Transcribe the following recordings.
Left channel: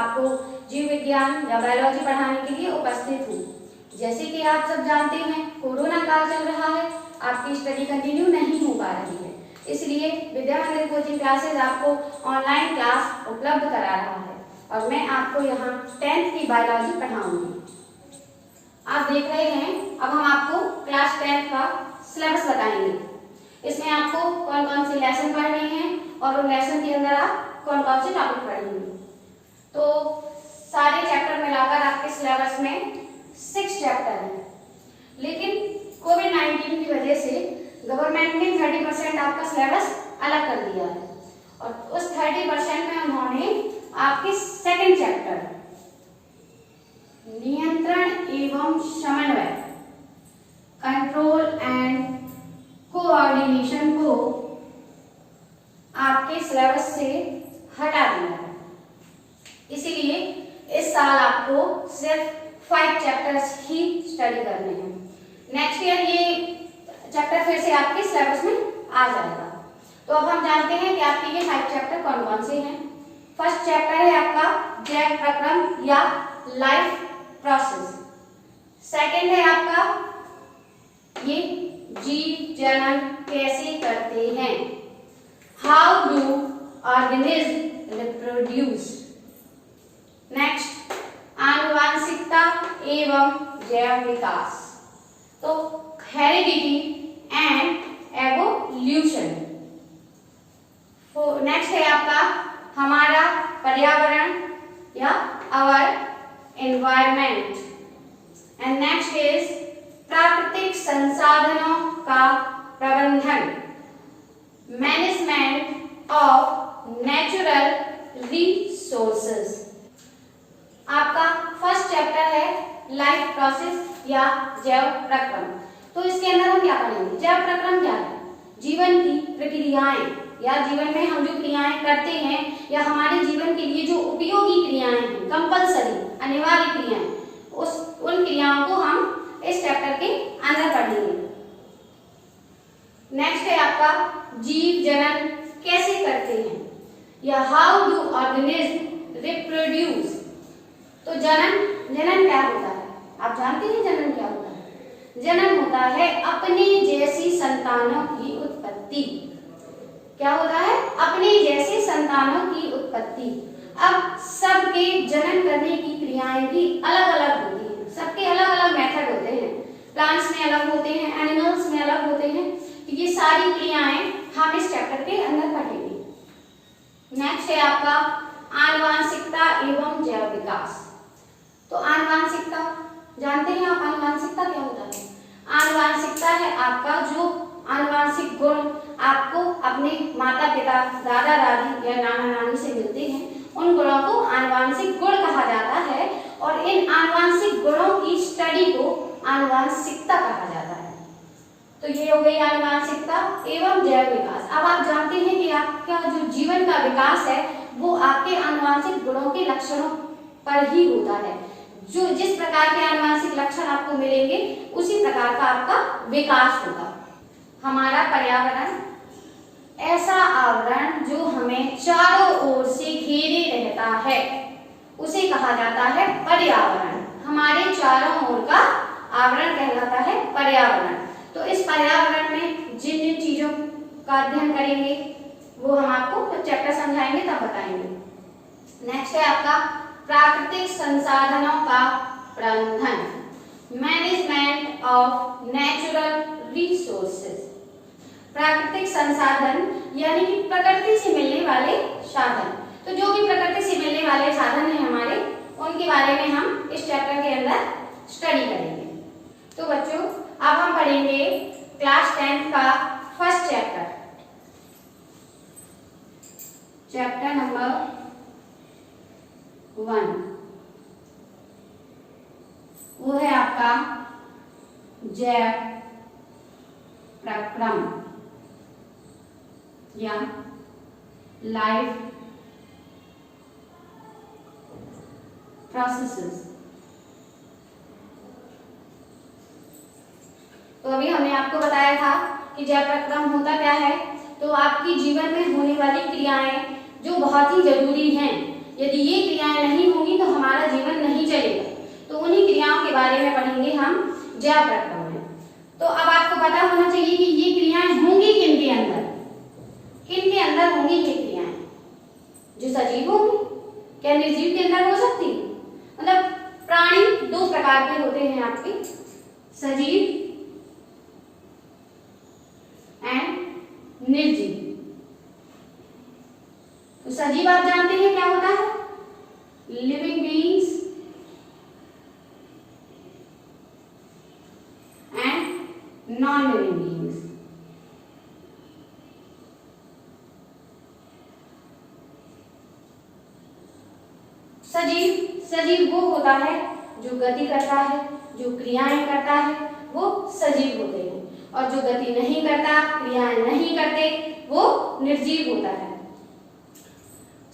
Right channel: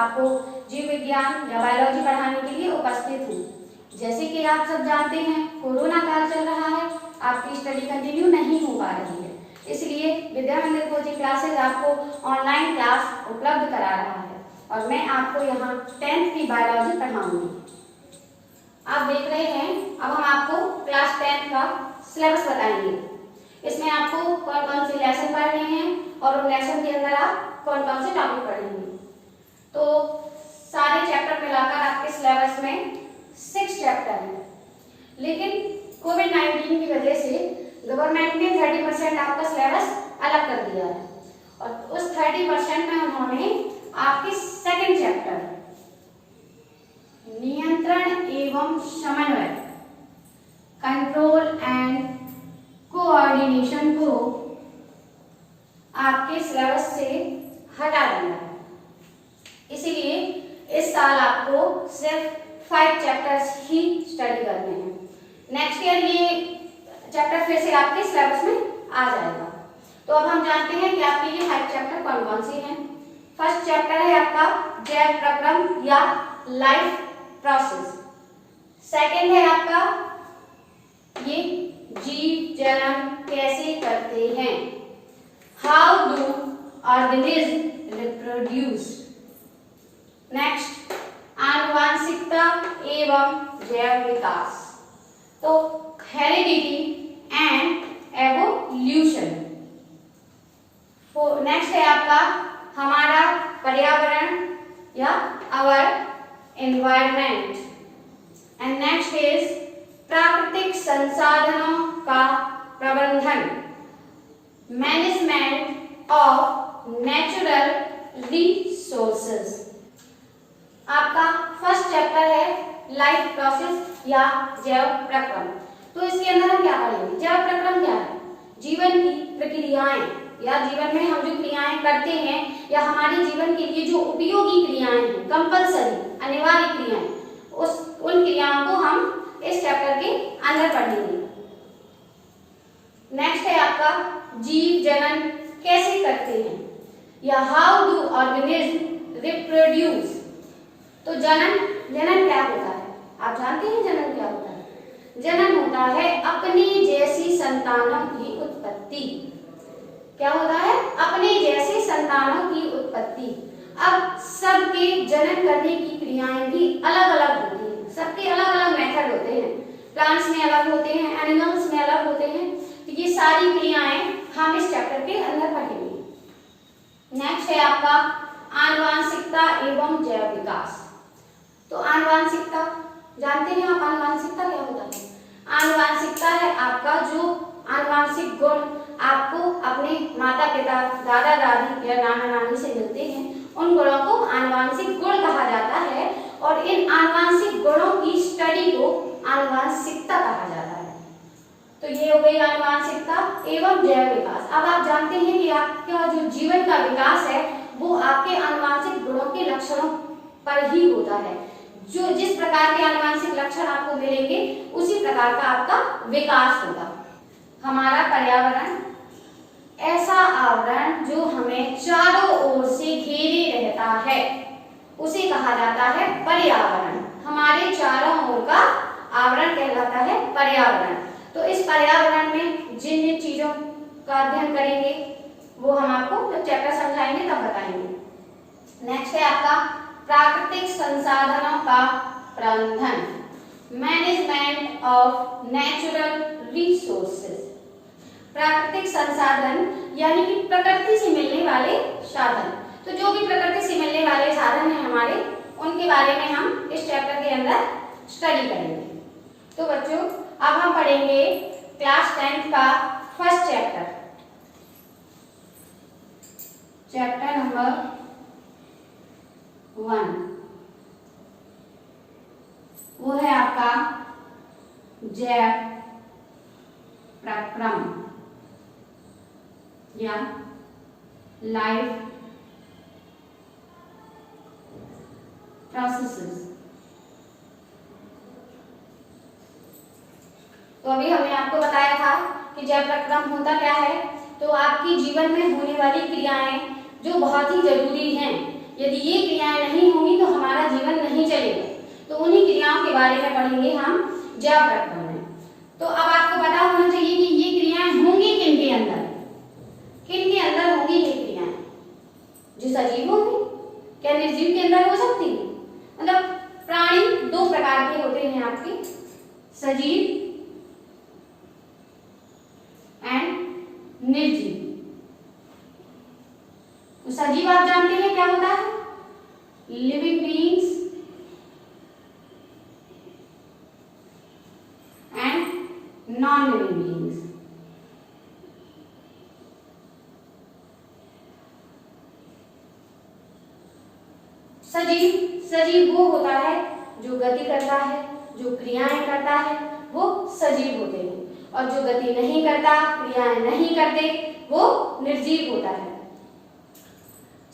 आपको जीव विज्ञान या बायोलॉजी पढ़ाने के लिए उपस्थित हूँ। जैसे कि आप सब जानते हैं, कोरोना काल चल रहा है, आपकी स्टडी कंटिन्यू नहीं हो पा रही है, इसलिए विद्या मंदिर कोचिंग क्लासेस आपको ऑनलाइन क्लास उपलब्ध करा रहा है और मैं आपको यहाँ 10th की बायोलॉजी पढ़ाऊंगी। आप देख रहे हैं, अब हम आपको क्लास 10 का सिलेबस बताएंगे। इसमें आपको कौन कौन से लेसन पढ़ने हैं और उन लेसन के अंदर आप कौन कौन से टॉपिक पढ़ेंगे। तो सारे चैप्टर मिलाकर आपके सिलेबस में 6 चैप्टर हैं, लेकिन कोविड-19 की वजह से गवर्नमेंट ने 30% आपका सिलेबस अलग कर दिया है और उस 30% में उन्होंने आपके सेकंड चैप्टर नियंत्रण एवं समन्वय, कंट्रोल एंड कोऑर्डिनेशन को आपके सिलेबस से हटा दिया है। इसीलिए इस साल आपको सिर्फ 5 चैप्टर्स ही स्टडी करने हैं। नेक्स्ट ईयर ये चैप्टर फिर से आपके सिलेबस में आ जाएगा। तो अब हम जानते हैं कि आपके ये 5 चैप्टर कौन कौन से हैं। फर्स्ट चैप्टर है आपका जैव प्रक्रम या लाइफ प्रोसेस। सेकंड है आपका ये जीव जनन कैसे करते हैं, how do organism reproduce. Next आनुवांशिकता एवं जैव विकास, तो हेरिडिटी एंड एवोल्यूशन। नेक्स्ट है आपका हमारा पर्यावरण या our environment and next is प्राकृतिक संसाधनों का प्रबंधन, मैनेजमेंट ऑफ नेचुरल रिसोर्सेज। आपका फर्स्ट चैप्टर है लाइफ प्रोसेस या जैव प्रक्रम। तो इसके अंदर हम क्या पढ़ेंगे? जैव प्रक्रम क्या है? जीवन की प्रक्रियाएं या जीवन में हम जो क्रियाएं करते हैं या हमारे जीवन के लिए जो उपयोगी क्रियाएं हैं, कंपलसरी अनिवार्य क्रियाएं, उन क्रियाओं को हम इस चैप्टर के अंदर पढ़ेंगे। नेक्स्ट है आपका जीव जनन कैसे करते हैं या हाउ डू ऑर्गेनिज्म रिप्रोड्यूस। तो जनन क्या होता है? आप जानते हैं जनन क्या होता है? जनन होता है अपने जैसी संतानों की उत्पत्ति। क्या होता है? अपने जैसे संतानों की उत्पत्ति। अब सबके जनन करने की क्रियाएं भी अलग अलग होती हैं, सबके अलग अलग मेथड होते हैं। प्लांट्स में अलग होते हैं, एनिमल्स में अलग होते हैं। ये सारी क्रियाएं हम इस चैप्टर के अंदर पढ़ेंगे। नेक्स्ट है आपका आनुवांशिकता एवं जैव विकास। तो आनुवांशिकता जानते हैं आप? आनुवांशिकता क्या होता है? आनुवांशिकता है आपका जो आनुवांशिक गुण आपको अपने माता पिता, दादा दादी या नाना नानी से मिलते हैं, उन गुणों को आनुवांशिक गुण कहा जाता है और इन आनुवांशिक गुणों की स्टडी को आनुवांशिकता कहा जाता है। तो ये हो गई आनुवांशिकता एवं जैव विकास। अब आप जानते हैं कि आपका जो जीवन का विकास है वो आपके आनुवांशिक गुणों के लक्षणों पर ही होता है। जो जिस प्रकार के आनुवांशिक लक्षण आपको मिलेंगे उसी प्रकार का आपका विकास होगा। हमारा पर्यावरण ऐसा आवरण जो हमें चारों ओर से घेरे रहता है उसे कहा जाता है पर्यावरण। हमारे चारों ओर का आवरण कहलाता है पर्यावरण। तो इस पर्यावरण में जिन जिन चीजों का अध्ययन करेंगे वो हम आपको चैप्टर समझाएंगे तब बताएंगे। नेक्स्ट है आपका प्राकृतिक संसाधनों का प्रबंधन, मैनेजमेंट ऑफ नेचुरल रिसोर्सेज। प्राकृतिक संसाधन यानी कि प्रकृति से मिलने वाले साधन। तो जो भी प्रकृति से मिलने वाले साधन हैं हमारे, उनके बारे में हम इस चैप्टर के अंदर स्टडी करेंगे। तो बच्चों अब हम पढ़ेंगे क्लास 10 का फर्स्ट चैप्टर, चैप्टर नंबर 1। वो है आपका जैव प्रक्रम या लाइफ प्रोसेसेस। तो अभी हमने आपको बताया था कि जैव प्रक्रम होता क्या है। तो आपकी जीवन में होने वाली क्रियाएं जो बहुत ही जरूरी हैं, यदि ये क्रियाएं नहीं बारे में पढ़ेंगे हम जैव प्रक्रम में। तो अब आपको पता होना चाहिए कि ये क्रियाएं होंगी किन के अंदर होंगी ये क्रियाएं, जो सजीव होंगे। क्या निर्जीव के अंदर हो सकती है? मतलब प्राणी दो प्रकार के होते हैं आपके, सजीव एंड निर्जीव। तो सजीव आप जानते हैं क्या होता है? Living beings and non living beings. सजीव वो होता है जो गति करता है, जो क्रियाएं करता है, वो सजीव होते हैं। और जो गति नहीं करता, क्रियाएं नहीं करते, वो निर्जीव होता है।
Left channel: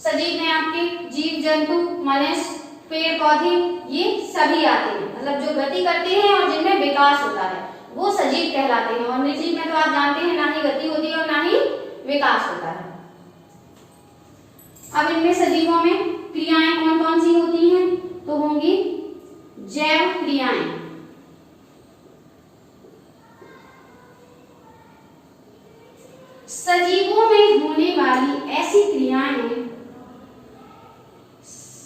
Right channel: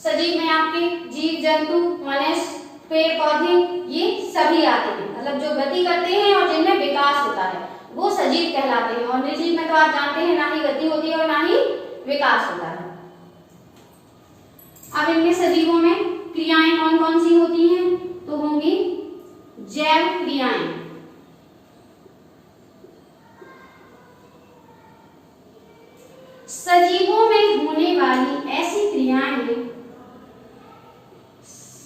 सजीव में आपके जीव जंतु, मनुष्य, पेड़ पौधे ये सभी आते हैं। मतलब जो गति करते हैं और जिनमें विकास होता है वो सजीव कहलाते हैं। और निर्जीव में तो आप जानते हैं ना ही गति होती है और ना ही विकास होता है। अब इनमें सजीवों में क्रियाएं कौन कौन सी होती हैं? तो होंगी जैव क्रियाएं। सजीवों में होने वाली ऐसी क्रियाएं,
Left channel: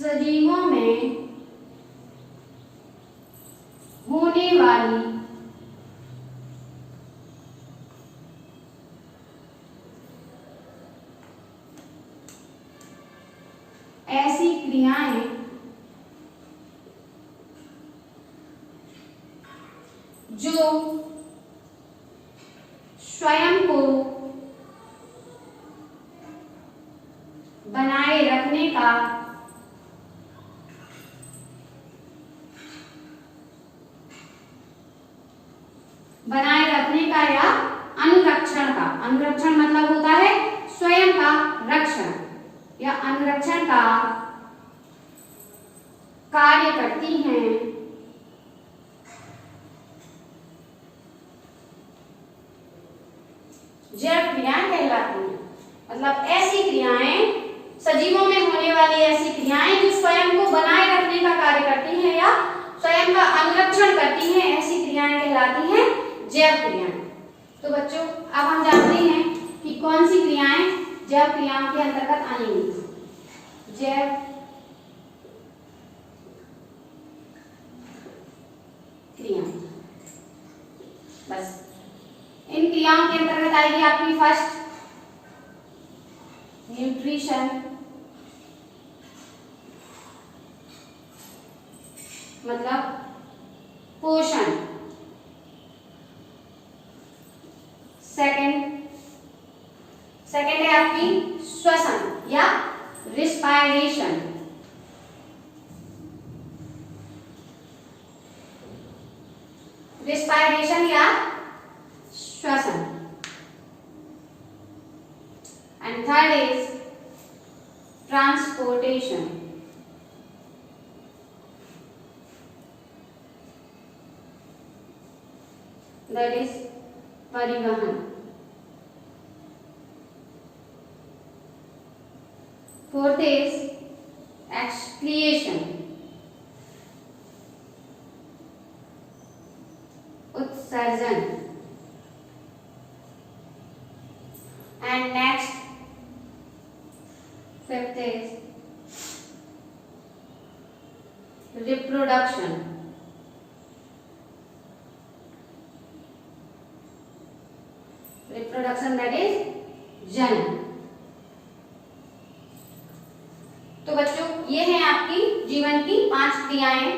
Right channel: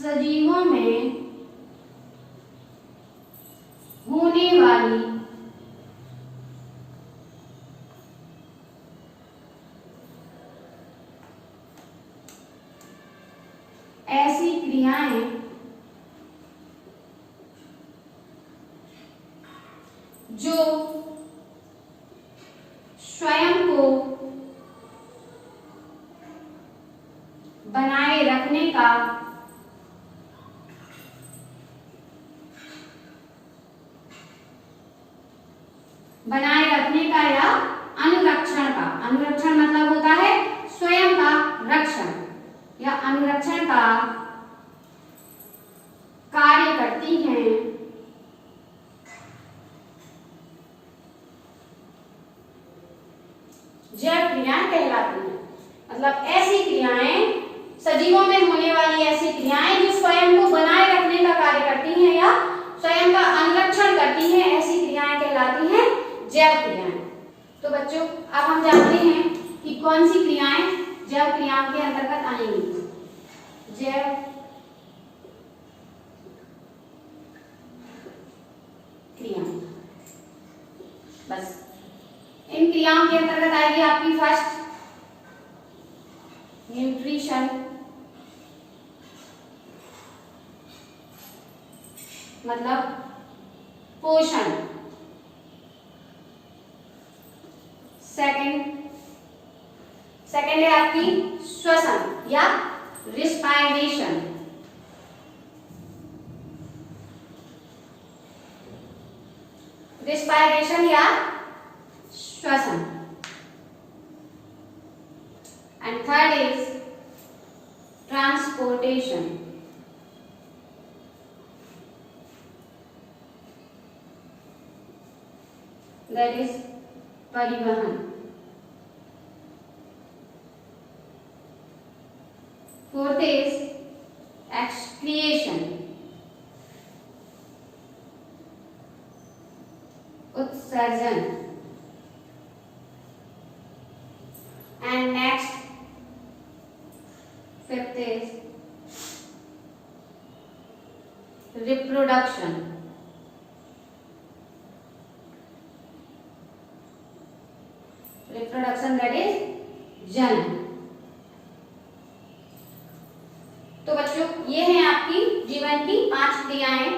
सजीवों में होने वाली ऐसी क्रियाएं जो स्वयं को बनाए रखने का या अनुरक्षण मतलब होता है स्वयं का रक्षण या अनुरक्षण का कार्य करती हैं, जैव क्रियाएं कहलाती हैं। मतलब ऐसी क्रियाएं, सजीवों में होने वाली ऐसी क्रियाएं जो स्वयं को बनाए रखने का कार्य करती हैं या स्वयं का अनुरक्षण करती हैं, ऐसी क्रियाएं कहलाती हैं जैव क्रियाएं। तो बच्चों अब हम जानते हैं कि कौन सी क्रियाएं जैव क्रियाओं के अंतर्गत आएंगी। जैव क्रियाएं, बस इन क्रियाओं के अंतर्गत आएगी आपकी फर्स्ट न्यूट्रिशन, मतलब पोषण। सेकंड है आपकी श्वसन या रिस्पायरेशन। रिस्पायरेशन या श्वसन। And third is transportation. That is परिवहन। फोर्थ इज एक्सक्रिएशन, उत्सर्जन। And next fifth is reproduction. Reproduction that is जनन। तो बच्चों ये हैं आपकी जीवन की 5 क्रियाएं,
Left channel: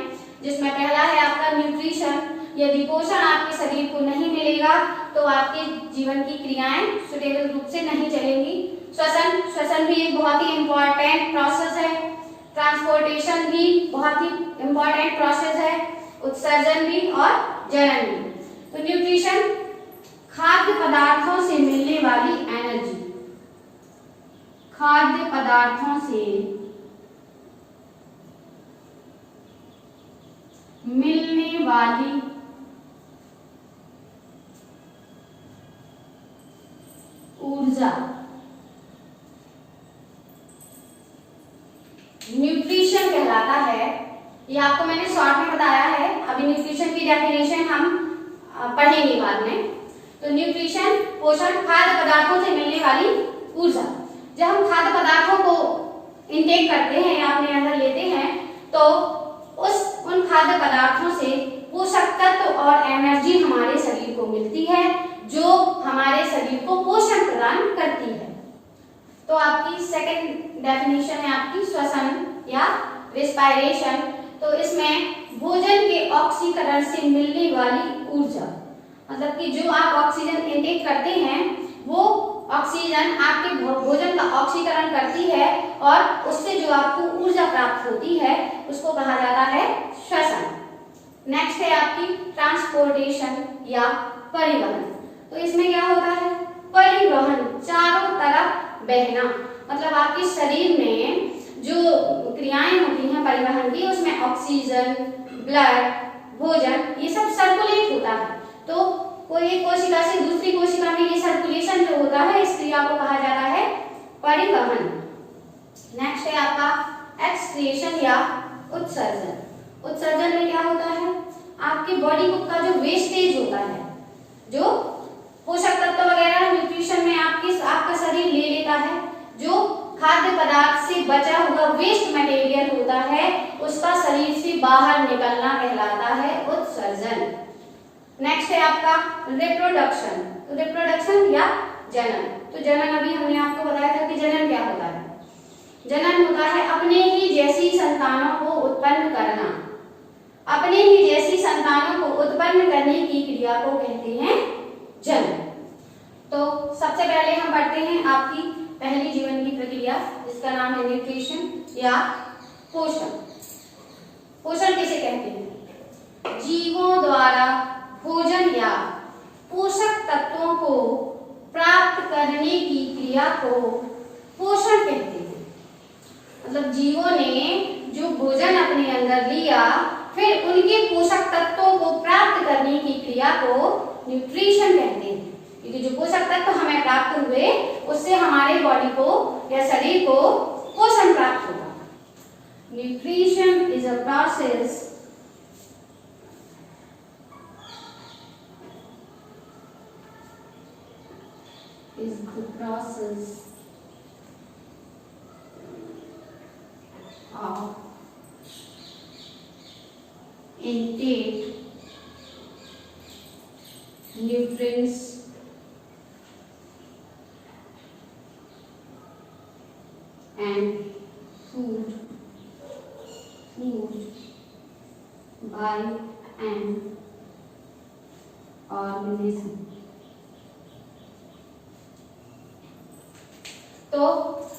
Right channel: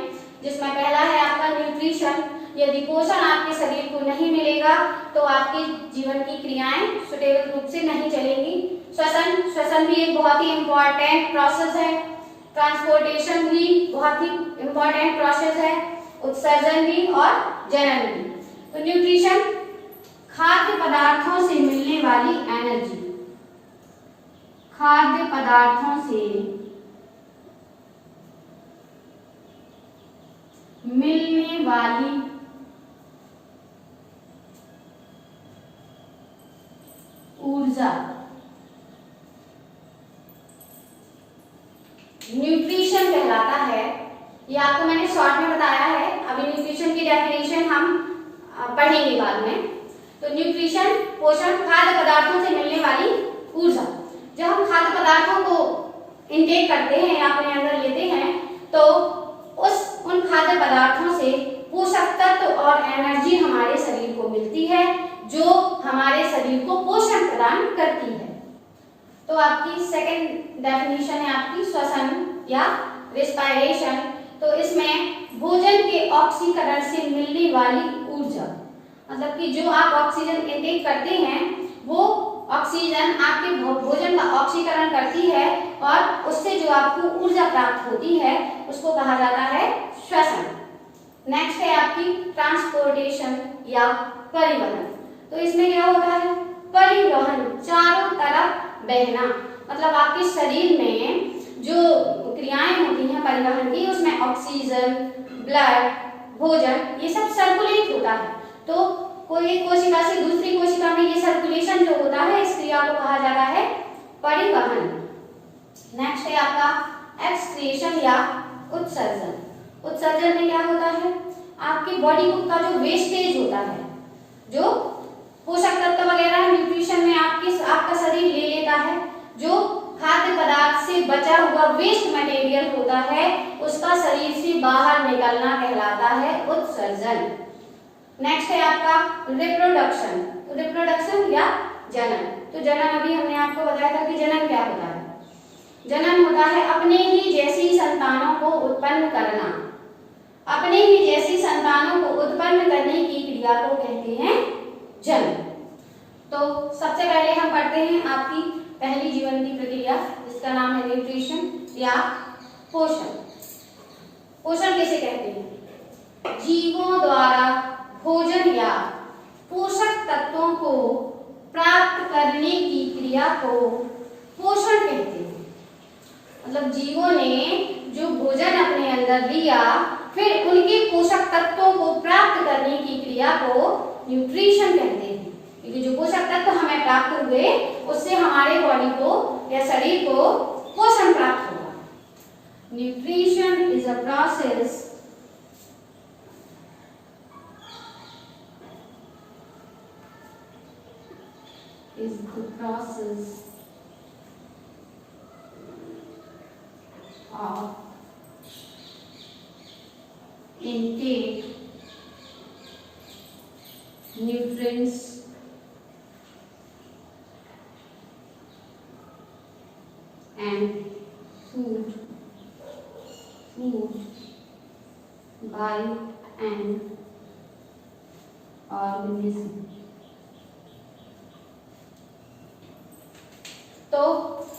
जिसमें पहला है आपका न्यूट्रिशन। यदि पोषण आपके शरीर को नहीं मिलेगा तो आपके जीवन की क्रियाएं सुटेबल रूप से नहीं चलेंगी। श्वसन भी एक बहुत ही इंपॉर्टेंट प्रोसेस है। ट्रांसपोर्टेशन भी बहुत ही इंपॉर्टेंट प्रोसेस है। उत्सर्जन भी और जनन भी। तो न्यूट्रिशन खाद्य पदार्थों से मिलने वाली एनर्जी, खाद्य पदार्थों से मिलने वाली ऊर्जा, न्यूट्रिशन कहलाता है ये आपको मैंने शॉर्ट में बताया है। अभी न्यूट्रिशन की डेफिनेशन हम पढ़ेंगे बाद में। तो न्यूट्रिशन पोषण खाद्य पदार्थों से मिलने वाली ऊर्जा। जब हम खाद्य पदार्थों को इंटेक करते हैं या अपने अंदर लेते हैं तो उन खाद्य पदार्थों से पोषक तत्व और एनर्जी हमारे शरीर को मिलती है जो हमारे शरीर को पोषण प्रदान करती है। तो आपकी सेकंड डेफिनेशन है आपकी श्वसन या रेस्पिरेशन। तो इसमें भोजन के ऑक्सीकरण से मिलने वाली ऊर्जा, मतलब कि जो आप ऑक्सीजन इंटेक करते हैं वो ऑक्सीजन आपके भोजन का ऑक्सीकरण करती है और उससे जो आपको ऊर्जा प्राप्त होती है उसको कहा जाता है श्वसन। नेक्स्ट है आपकी ट्रांसपोर्टेशन या परिवहन। तो इसमें क्या होता है? परिवहन, चारों तरफ बहना, मतलब आपके शरीर में जो क्रियाएं होती हैं परिवहन की, उसमें ऑक्सीजन, ब्लड, भोजन, ये सब सर्कुलेट होता है। तो कोई एक कोशिका से दूसरी कोशिका में ये सर्कुलेशन जो होता है इस क्रिया को कहा जाता है परिवहन। नेक्स्ट है आपका एक्सक्रीशन या उत्सर्जन। उत्सर्जन में क्या होता है? आपकी बॉडी का जो वेस्टेज होता है, जो पोषक तत्व वगैरह न्यूट्रिशन में आपका शरीर ले लेता है, जो खाद्य पदार्थ से बचा हुआ वेस्ट मटेरियल होता है उसका शरीर से बाहर निकलना कहलाता है उत्सर्जन। नेक्स्ट है आपका रिप्रोडक्शन। तो रिप्रोडक्शन या जनन। तो जनन अभी हमने आपको बताया था कि जनन क्या होता है। जनन होता है अपने ही जैसी संतानों को उत्पन्न करना। अपने ही जैसी संतानों को उत्पन्न करने की क्रिया को कहते हैं जनन। तो सबसे पहले हम पढ़ते हैं आपकी पहली जीवन की प्रक्रिया जिसका नाम है न्यूट्रिशन या पोषण। पोषण किसे कहते हैं? जीवों द्वारा भोजन या पोषक तत्वों को प्राप्त करने की क्रिया को पोषण कहते हैं। मतलब जीवों ने जो भोजन अपने अंदर लिया फिर उनके पोषक तत्वों को प्राप्त करने की क्रिया को न्यूट्रिशन कहते हैं। क्योंकि जो पोषक तत्व हमें प्राप्त हुए उससे हमारे बॉडी को या शरीर को पोषण प्राप्त होगा। Nutrition is a process of intake nutrients and food by an organism। तो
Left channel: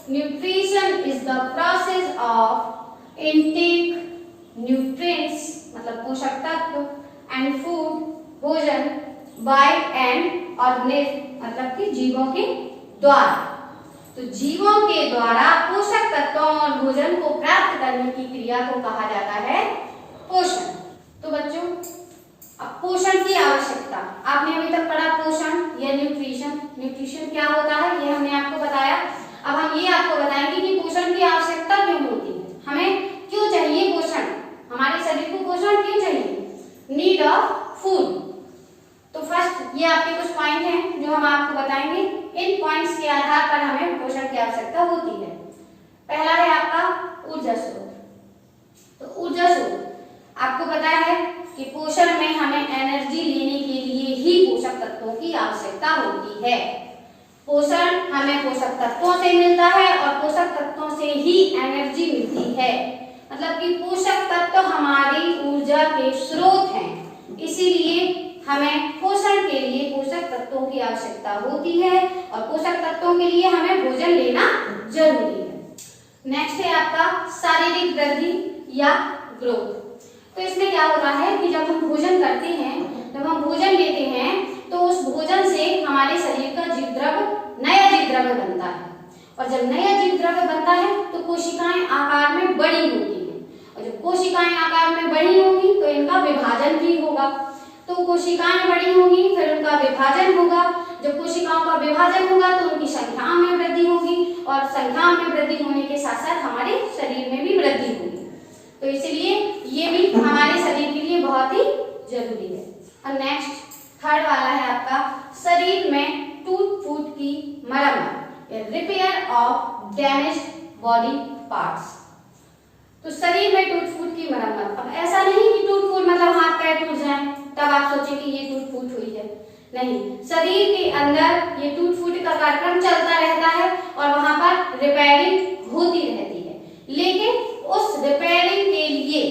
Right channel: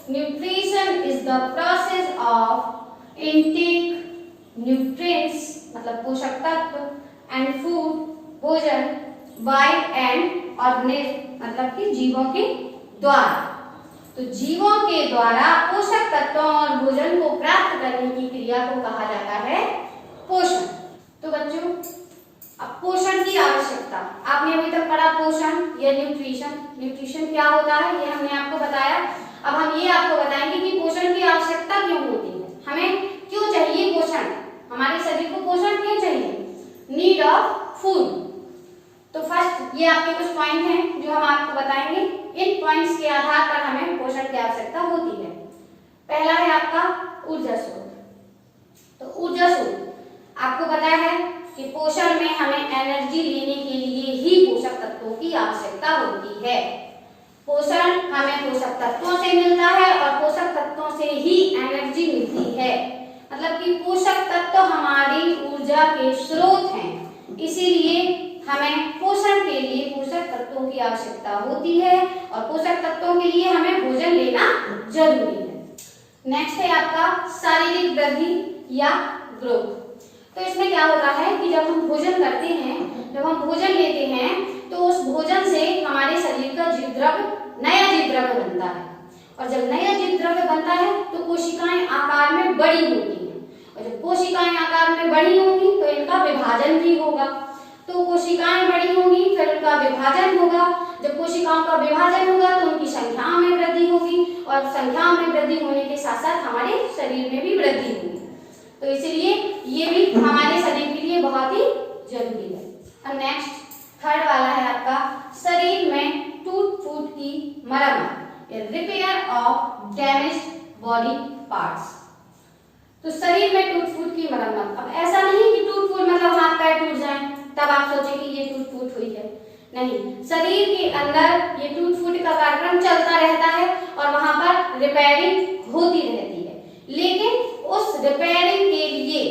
nutrition is the process of intake nutrients मतलब पोषक तत्व एंड फूड भोजन बाय एन ऑर्गेनिज्म मतलब कि जीवों के द्वारा। तो जीवों के द्वारा पोषक तत्वों और भोजन को प्राप्त करने की क्रिया को कहा जाता है पोषण। तो बच्चों अब पोषण की आवश्यकता आपने अभी तक पढ़ा, पोषण या न्यूट्रिशन। न्यूट्रिशन क्या होता है ये हमने आपको बताया। अब हम ये आपको बताएंगे कि पोषण की आवश्यकता क्यों होती है, हमें क्यों चाहिए पोषण, हमारे शरीर को पोषण क्यों चाहिए। Need of food. तो फर्स्ट ये आपके कुछ पॉइंट हैं जो हम आपको बताएंगे। इन पॉइंट्स के आधार पर हमें पोषण की आवश्यकता होती है। पहला है आपका ऊर्जा स्रोत। तो ऊर्जा स्रोत आपको पता है कि पोषण में हमें एनर्जी लेने के लिए ही पोषक तत्वों की आवश्यकता होती है। पोषण हमें पोषक तत्वों से मिलता है और पोषक तत्वों से ही एनर्जी मिलती है। मतलब कि पोषक तत्व हमारी ऊर्जा के स्रोत हैं, इसीलिए हमें पोषण के लिए पोषक तत्वों की आवश्यकता होती है और पोषक तत्वों के लिए हमें भोजन लेना जरूरी है। नेक्स्ट है आपका शारीरिक वृद्धि या ग्रोथ। तो इसमें क्या होता है कि जब हम भोजन करते हैं, जब हम भोजन लेते हैं तो उस भोजन से हमारे शरीर का जीवद्रव्य नया जीवद्रव्य बनता है और जब नया जीवद्रव्य बनता है तो कोशिकाएं आकार में बड़ी होती हैं और जब कोशिकाएं आकार में बड़ी होंगी तो इनका विभाजन भी होगा। तो कोशिकाएं बड़ी होंगी फिर उनका विभाजन होगा। जब कोशिकाओं का विभाजन होगा तो उनकी संख्याओं में वृद्धि होगी और संख्याओं में वृद्धि होने के साथ साथ हमारे शरीर में भी वृद्धि होगी। तो इसलिए बहुत ही जरूरी है। और नेक्स्ट थर्ड वाला है आपका शरीर में टूट फूट की मरम्मत, repair of damage body parts. तो शरीर में टूट फूट की मरम्मत, अब ऐसा नहीं कि टूट फूट मतलब हाथ पैर टूट जाए तब आप सोचें कि ये टूट फूट हुई है, नहीं, शरीर के अंदर ये टूट फूट का कार्यक्रम चलता रहता है और वहां पर रिपेयरिंग होती रहती है, लेकिन उस रिपेयरिंग के लिए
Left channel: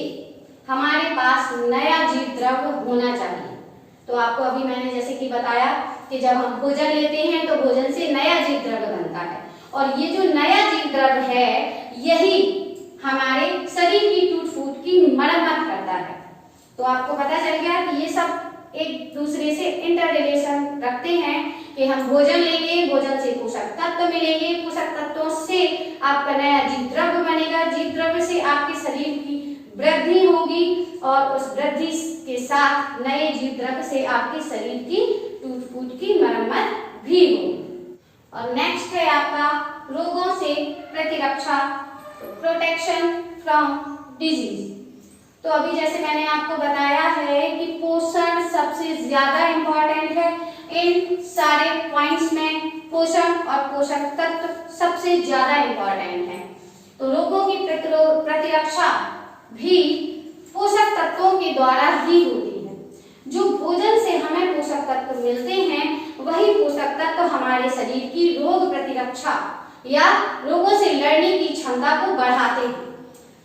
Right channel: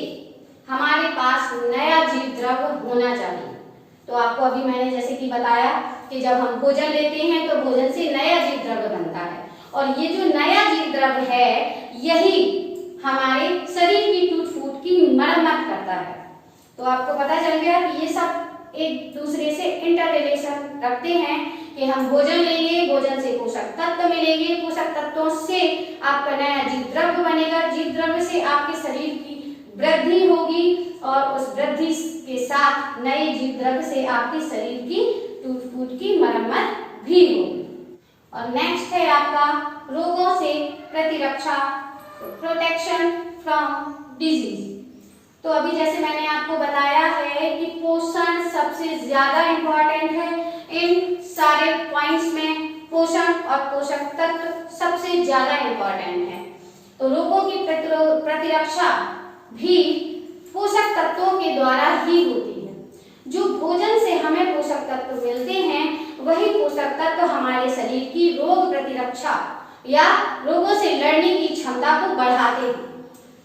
हमारे पास नया जीव द्रव्य होना चाहिए। तो आपको अभी मैंने जैसे कि बताया कि जब हम भोजन लेते हैं तो भोजन से नया जीव द्रव्य बनता है और ये जो नया जीव द्रव्य है यही हमारे शरीर की टूट फूट की मरम्मत करता है। तो आपको पता चल गया कि ये सब एक दूसरे से इंटर रिलेशन रखते हैं कि हम भोजन लेंगे, भोजन से पोषक तत्व मिलेंगे, पोषक तत्वों से आपका नया जीव द्रव्य बनेगा, जीव द्रव्य से आपके शरीर की वृद्धि होगी और उस वृद्धि के साथ नए जीव द्रव्य से आपके शरीर की टूट फूट की मरम्मत भी होगी। और नेक्स्ट है आपका रोगों से प्रतिरक्षा, प्रोटेक्शन फ्रॉम डिजीज। तो अभी जैसे मैंने आपको बताया है कि पोषण सबसे ज्यादा इंपॉर्टेंट है, इन सारे पॉइंट्स में पोषण और पोषक तत्व सबसे ज्यादा इंपॉर्टेंट है। तो रोगों की प्रतिरक्षा भी पोषक तत्वों के द्वारा ही होती है। जो भोजन से हमें पोषक तत्व मिलते हैं वही पोषक तत्व हमारे शरीर की रोग प्रतिरक्षा या रोगों से लड़ने की क्षमता को बढ़ाते हैं।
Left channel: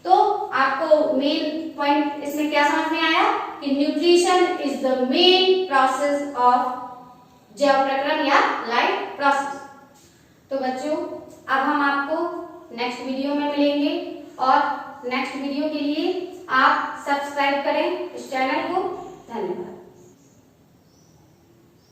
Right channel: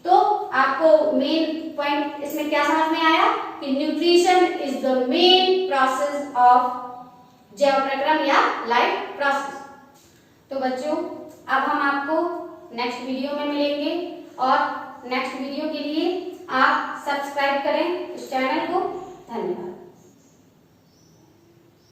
तो आपको मेन पॉइंट इसमें क्या समझ में आया कि nutrition is the main process of जैव प्रक्रम या लाइफ प्रोसेस। तो बच्चों अब हम आपको नेक्स्ट वीडियो में मिलेंगे और नेक्स्ट वीडियो के लिए आप